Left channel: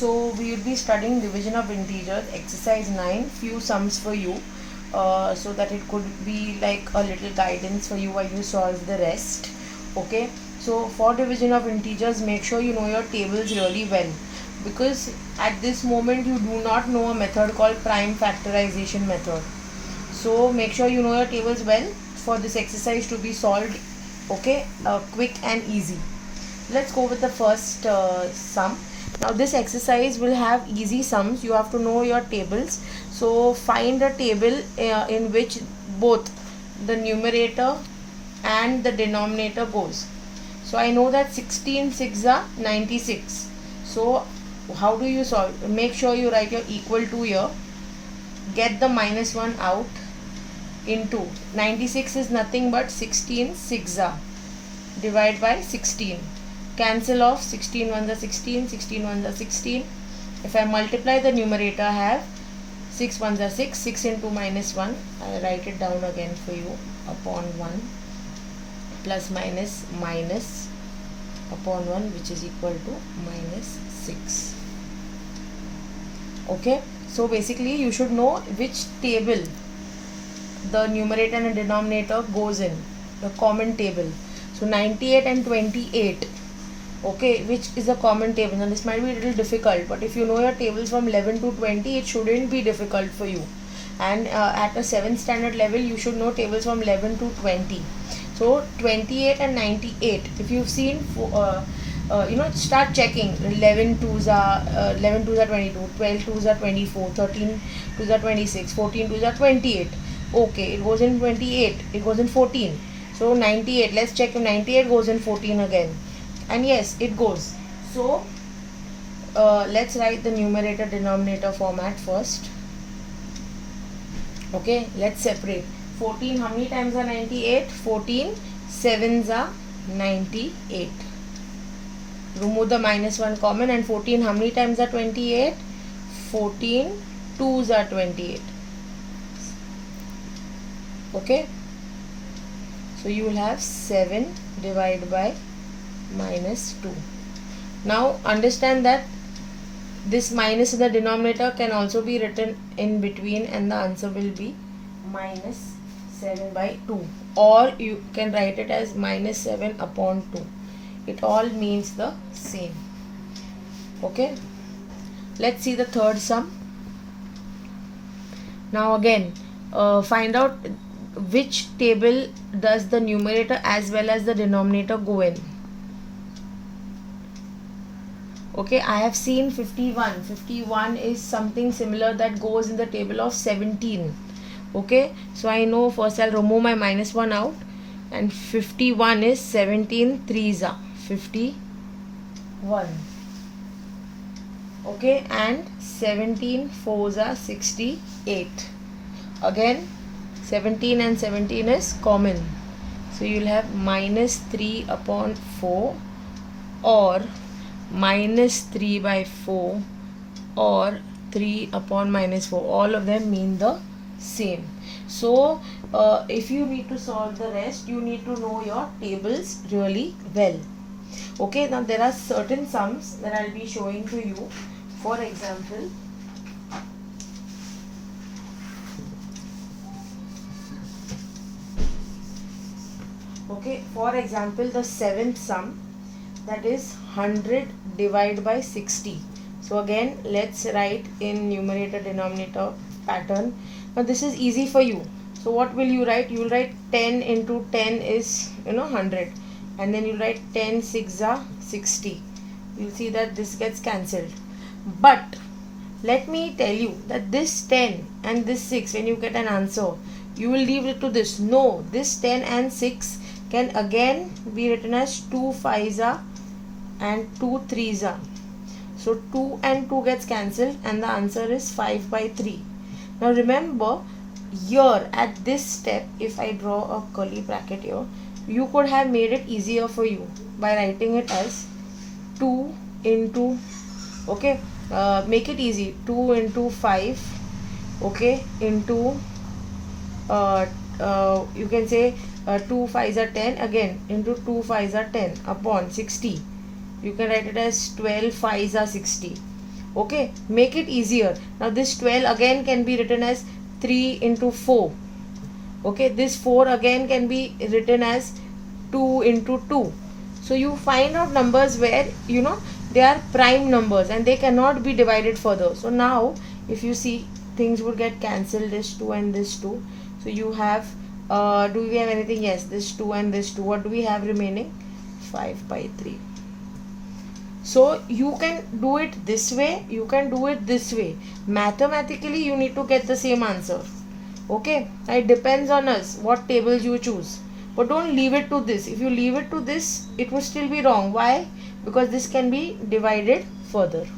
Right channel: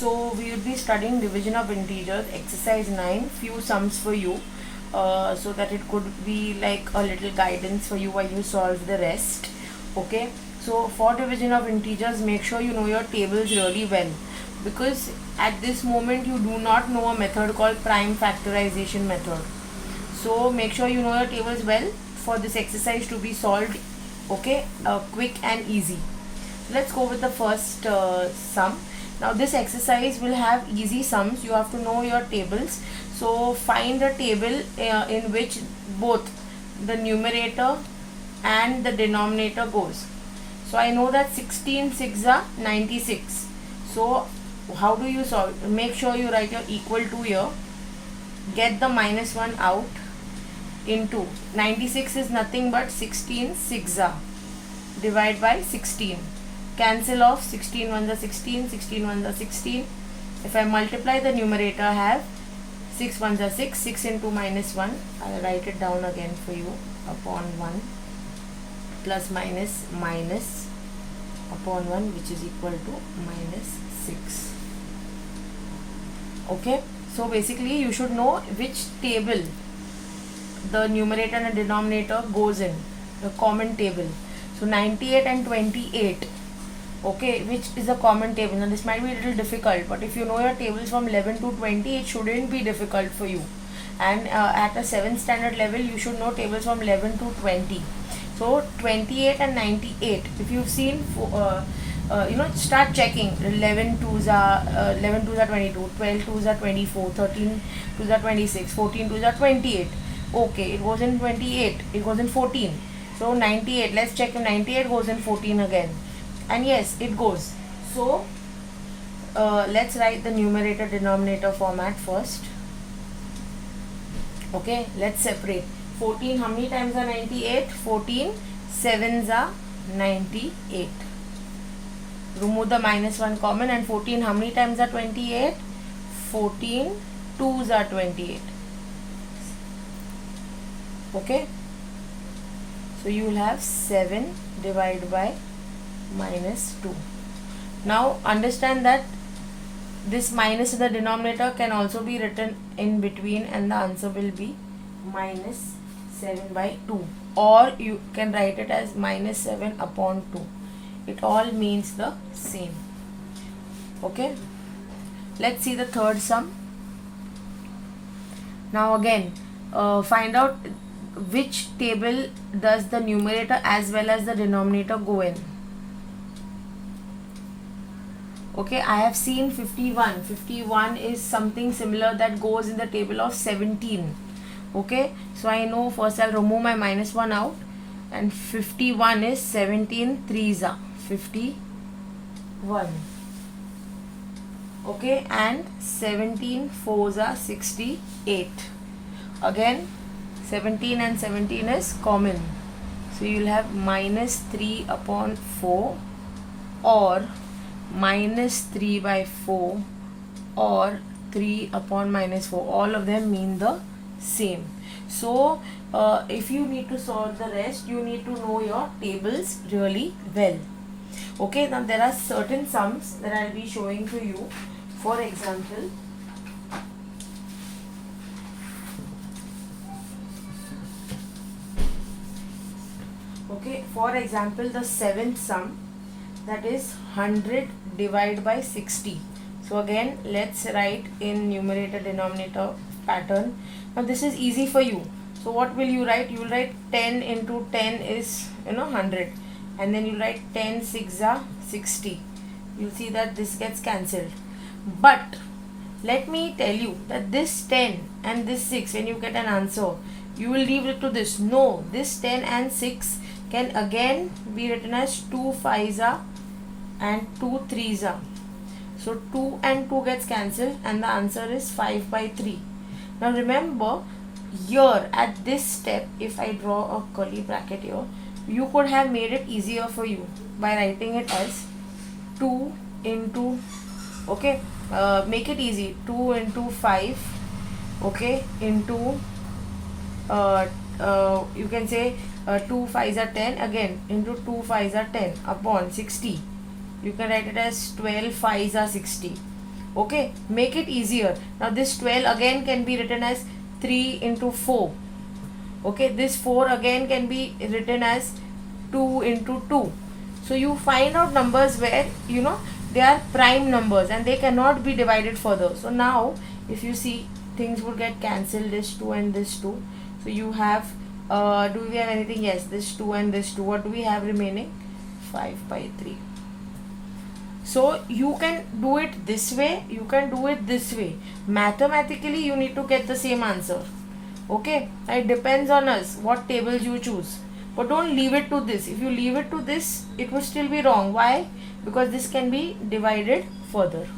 So we will be studying division of integers, exercise 9, few sums for you, so that it could be like a little guidance for you while you solve the rest. Okay, so for division of integers, make sure you know your tables really well, because at this moment you do not know a method called prime factorization method. So make sure you know your tables well for this exercise to be solved. Okay, quick and easy. Let's go with the first sum. Now this exercise will have easy sums. You have to know your tables. So find a table in which both the numerator and the denominator goes. So I know that 16 6 are 96. So how do you solve? Make sure you write your equal to here. Get the minus 1 out. Into 96 is nothing but 16 6 are. Divide by 16. Cancel off 16 ones are 16, 16 ones are 16. If I multiply the numerator, I have 6 ones are 6, 6 into minus 1. I'll write it down again for you. Upon 1 plus minus minus upon 1, which is equal to minus 6. Okay, so basically you should know which table the numerator and denominator goes in, the common table. So 98 and 28. Okay, which is a common table. Now this might be a little difficult, but if you know your tables from 11 to 20, it shouldn't be difficult for you. And at a 7th standard level, you should know tables from 11 to 20. So 28 and 98. If you've seen, start checking. 11 twos are 22, 12 twos are 24, 13 twos are 26, 14 twos are 28. Okay, it goes in 28. It goes in 14. So 98. Let's check if 98 goes in 14 again. And yes, it goes. So let's write the numerator denominator format first. Okay, let's separate. 14, how many times are 98? 14 sevens are 98. Remove the minus 1 common, and 14, how many times are 28? 14 twos are 28. Okay, so you will have 7 divided by minus 2. Now understand that this minus in the denominator can also be written in between, and the answer will be minus 7 by 2, or you can write it as minus 7 upon 2. It all means the same. Okay, let's see the third sum. Now again, find out which table does the numerator as well as the denominator go in. Okay, I have seen 51. 51 is something similar that goes in the table of 17. Okay, so I know first I'll remove my minus 1 out, and 51 is 17 threes are 51. Okay, and 17 fours are 68. Again, 17 and 17 is common. So you will have minus 3 upon 4, or minus 3 by 4, or 3 upon minus 4. All of them mean the same. So if you need to solve the rest, you need to know your tables really well. Okay, now there are certain sums that I'll be showing to you. For example, the 7th sum, that is 100 divided by 60. So again, let's write in numerator denominator pattern. Now this is easy for you. So what will you write? You will write 10 into 10 is 100, and then you write 10 6 are 60. You'll see that this gets cancelled. But let me tell you that this 10 and this 6, when you get an answer, you will leave it to this. No, this 10 and 6 can again be written as 2 5s are and 2 3s are. So 2 and 2 gets cancelled, and the answer is 5 by 3. Now remember, here at this step, if I draw a curly bracket here, you could have made it easier for you by writing it as 2 into, okay, make it easy, 2 into 5, okay, into you can say 2 5s are 10, again into 2 5s are 10 upon 60. You can write it as 12 5s are 60. Okay, make it easier. Now this 12 again can be written as 3 into 4. Okay, this 4 again can be written as 2 into 2. So you find out numbers where they are prime numbers and they cannot be divided further. So now if you see, things would get cancelled, this 2 and this 2. So you have do we have anything? Yes, this 2 and this 2. What do we have remaining? 5 by 3. So you can do it this way, you can do it this way. Mathematically you need to get the same answer. Okay, it depends on us what tables you choose, but don't leave it to this. If you leave it to this, it will still be wrong. Why? Because this can be divided further.